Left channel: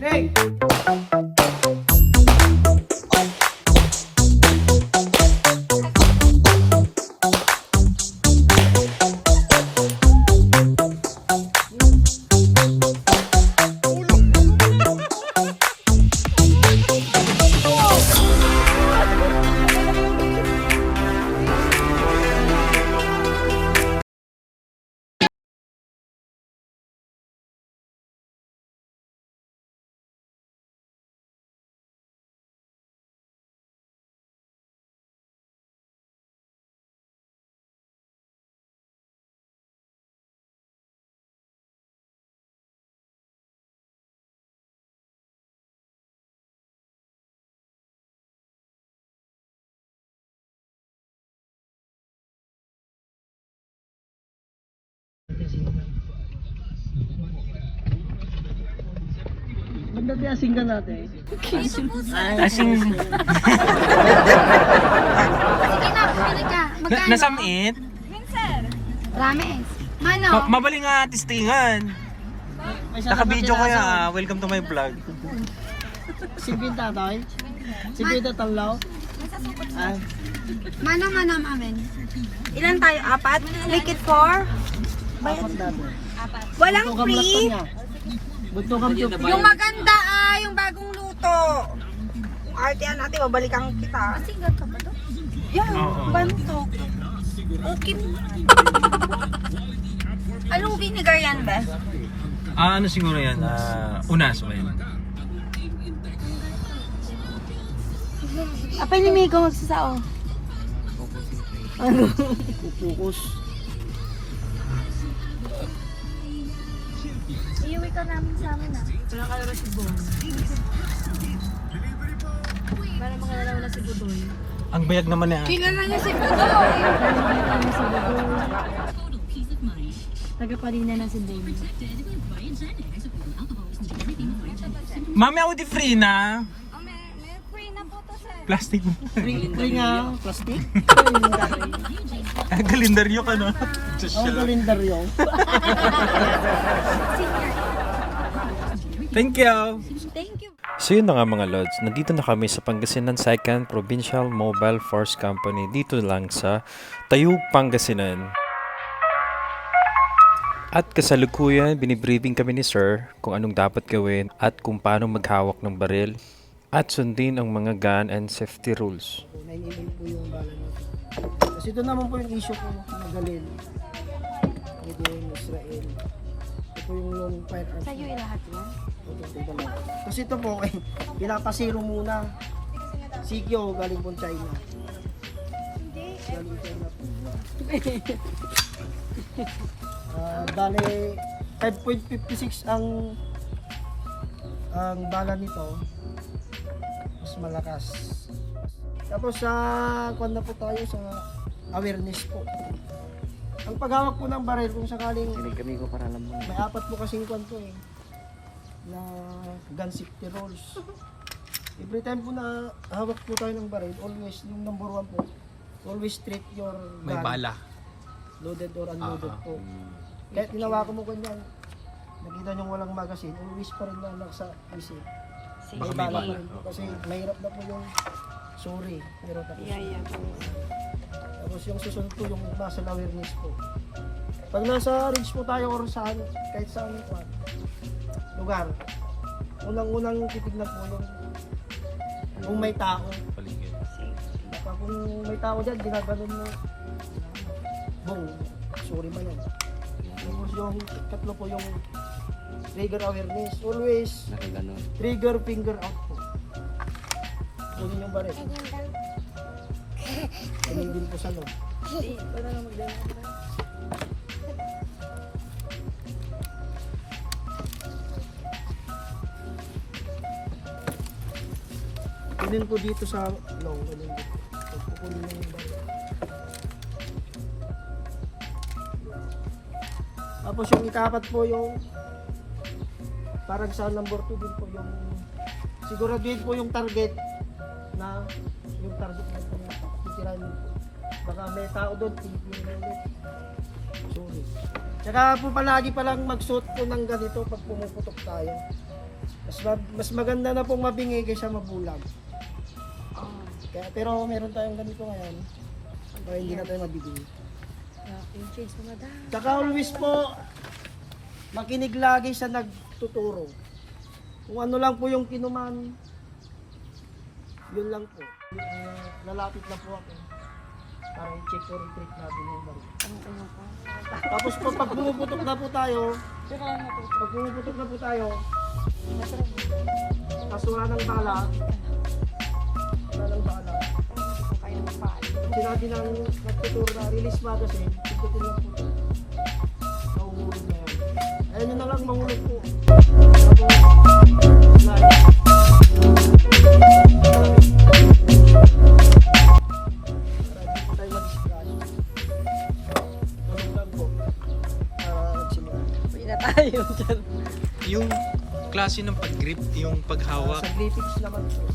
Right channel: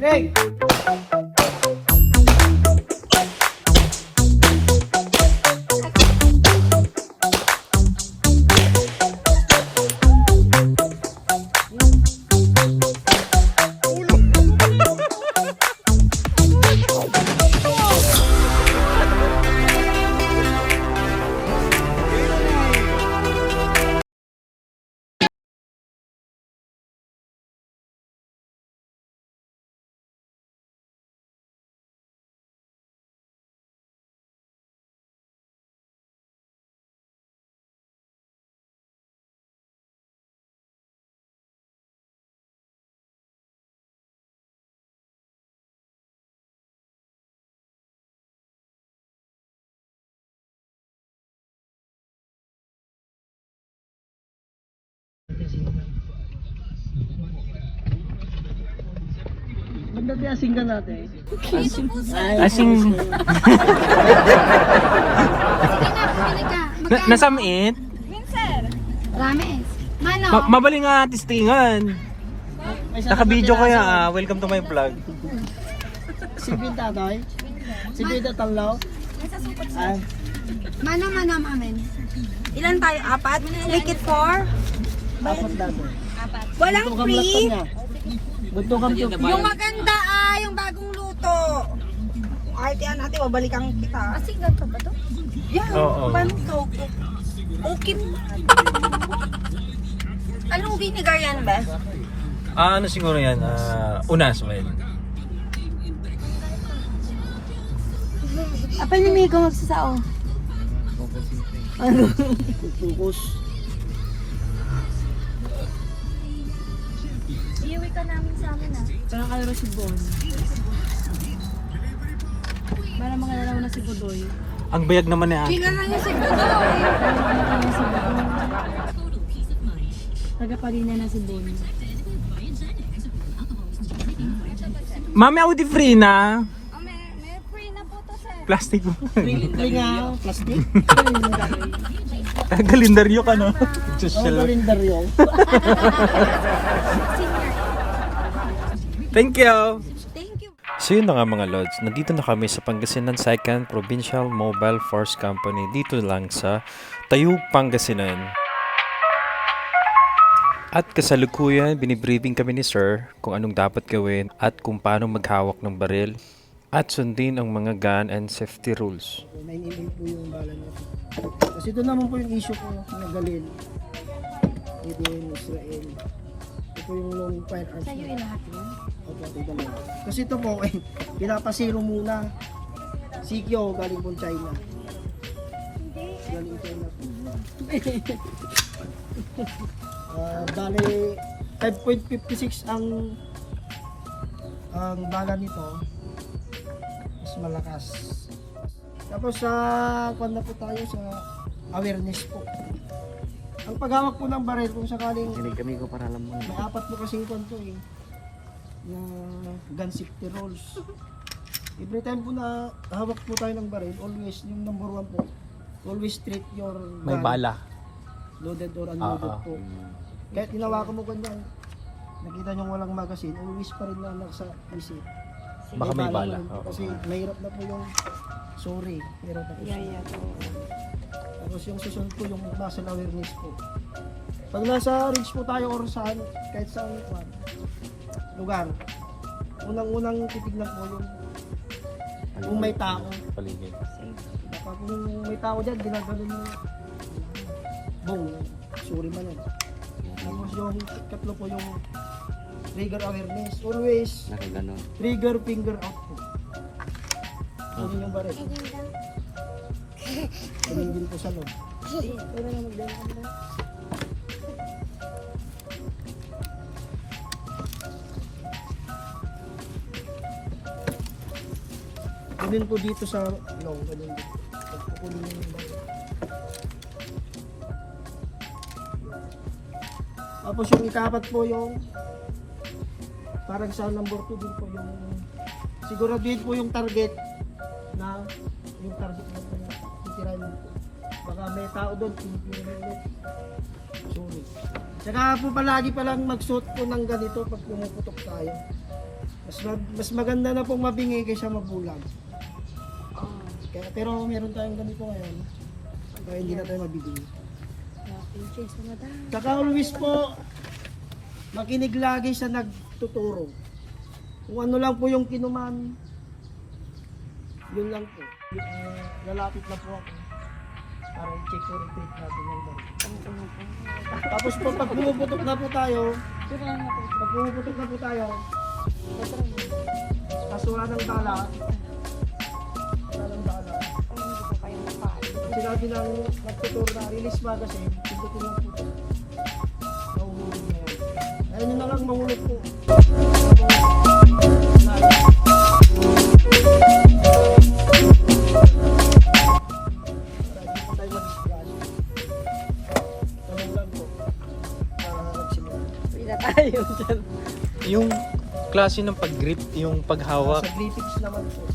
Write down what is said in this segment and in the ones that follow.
Ready? Ganda di asinggan natin. Asin. Nasamit? Sir. Rames. Mano? Mabali nga testingan. Naka-video kaya, welcome to my vlog. Singin tatay? Singin tatalaw? Ay. Mano amin. Ilan tayo? Apat? Make it 4? Apat dati. Walang Buntukam free? lakpan nga. Buntukam to. Yung maganda yung bagong luto. Artean natin, babalikan kita. Asigal ka ba to? Yeah, Oo. paano to? Okay mo. Anong vinegar yan, be? Ano siguro yan? Unas, well. Apa ni Miko magsasao? Tukus. Parang kalaro si Bon. Parang mga lalaw na si Budoy. Ang bayag naman ni Ate. Kilala niya si Tagapalina na si Bon. Mami, ako di free na. Oh, may free na po to, sir. Plastic mo. Free nga. Plastic. Kalendaryo ka, no? Oh, Social. kalendaryo. Thank you. Thank you. So yun na nga mga Lods, nandito na kami sa Pangasinan 2nd Provincial Mobile Force Company dito lang sa Tayug, Pangasinan. At kasalukuyan, binibriefing kami ni Sir kung anong dapat gawin at kung paano maghawak ng baril at sundin ang mga gun and safety rules. 9 mm po yung bala natin. Kasi ito naman po yung issue ko na Galil. Within Israel. Ito po yung long firearms. Sa'yo lahat yun? Opo, ito lang. Kasi ito po, pinapasiro muna. Sikyo, galing po China. Galing China po. Bale, 5.56 ang bala nito. Mas malakas. Tapos sa kwan na po tayo sa awareness po. Ang paghawak po ng baril kung sakaling may apat po kasing kwan to na gun safety rules. Every time po na hawak po tayo ng baril, always yung number 1 po, always treat your May gun, bala. loaded or unloaded po. Kahit hinawakan mo ganyan, nakita nyo walang magazine, always pa rin na sa isip. Baka may bala. po yun. Kasi mahirap na po yung sorry, pero tapos tapos yung susunod po yung muscle awareness po. Pag nasa ridge po tayo or saan, kahit saan lugar, unang-unang titignan po yung kung may tao. Paligid. Kung may tao dyan, ginaganon mo bong, sorry man yun. Tapos yung tatlo po yung trigger awareness. Always trigger finger out po. Kunin yung baril. Kunin din po sa loob. Kunin po dito sa long. Kunin dito. Kunin yung baril. Tapos yung ikapat po yung parang sa number 2 din po yung siguraduhin po yung target na titirahin mo po. Baka may tao doon, pinipirin mo ulit. Sorry. Tsaka po palagi palang magsuot po ng ganito pag pumuputok tayo. Mas maganda na pong mabingi kaysa mabulag. Kaya, pero meron tayong ganito ngayon. Kaya hindi na tayo mabibingi. Yung change mo na. Saka always po, makinig lagi sa nagtuturo. Kung ano lang po yung kinuman, yun lang po. Lalapit na po ako para i-check or i-treat natin yung baril. Tapos po, pag pumuputok na po tayo, kaso wala ng bala, pag sinabi ng nagtuturo na release magazine, pindutin lang po ito. Nauhulog na yan. Ayun na lang, mahulog po. Para hindi po tayo mag-splash. Tulong lang po. Para magsimula. Pila tayo dyan. Yung klase ng pag-grip, yung paghawak. Sa grippings naman po.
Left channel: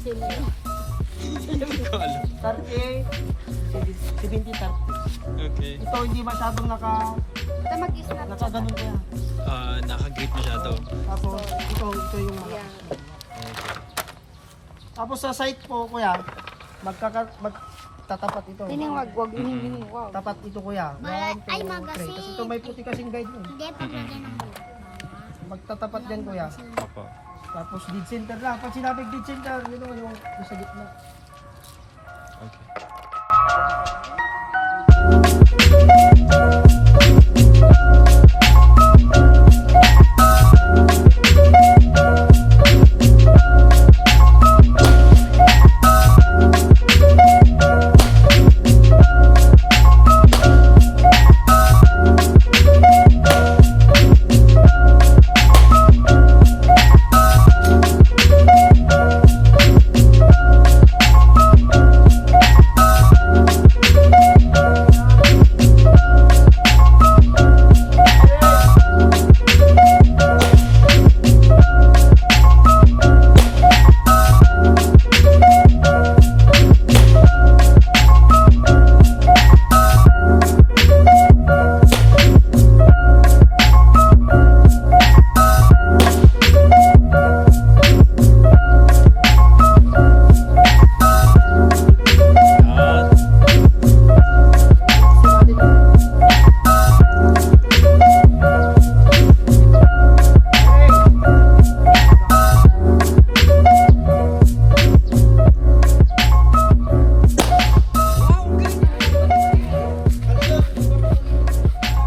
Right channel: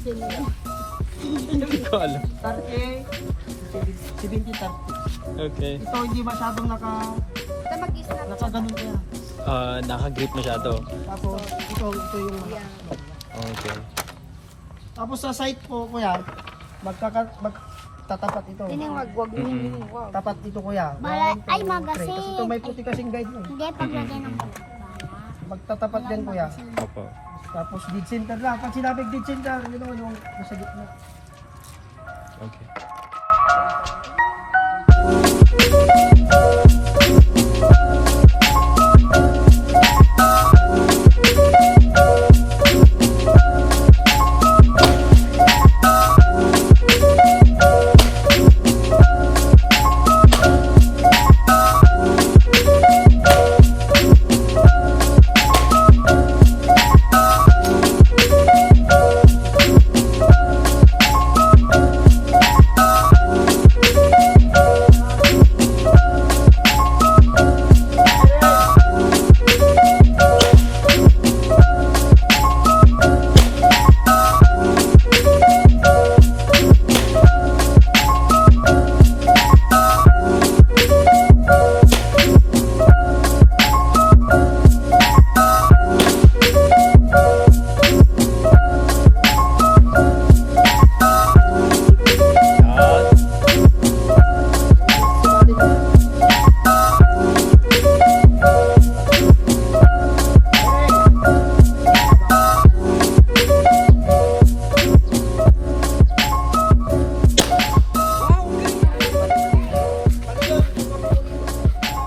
Hindi ko alam. 30, 70-30. Okay. Ito hindi masyadong nakaganon kaya. Naka-grip masyado. Tapos ito yung mga. Okay. Tapos sa site po kuya, magtatapat ito. Tining wag hining wag. Tapat ito kuya. 1, 2, 3. Tapos ito may puti kasing guide mo. Magtatapat yan kuya. Opo. Tapos dead center lang. Pag sinabing dead center, yun yung sa gitna. Okay.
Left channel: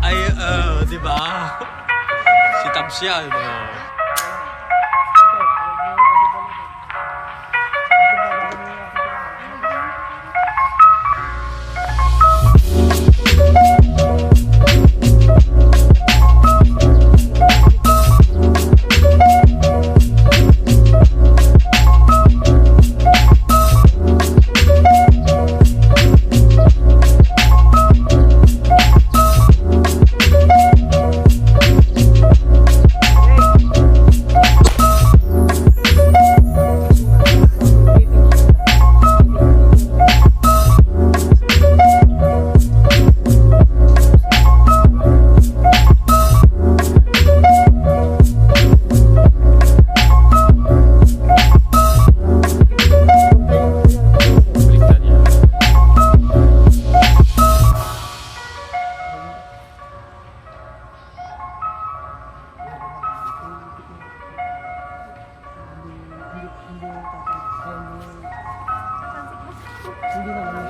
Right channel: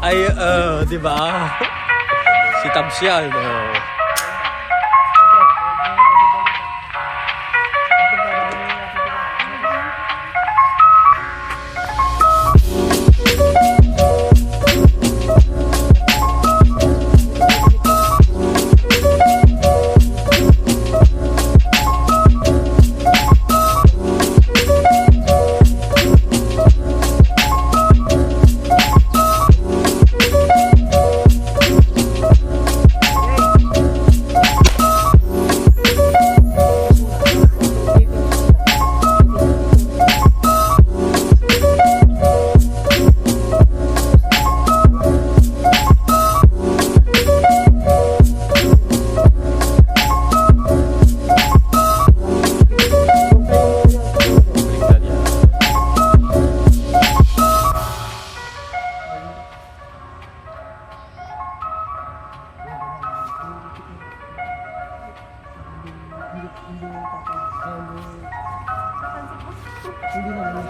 Ay, di ba? Si Tabs yan. Hindi naman.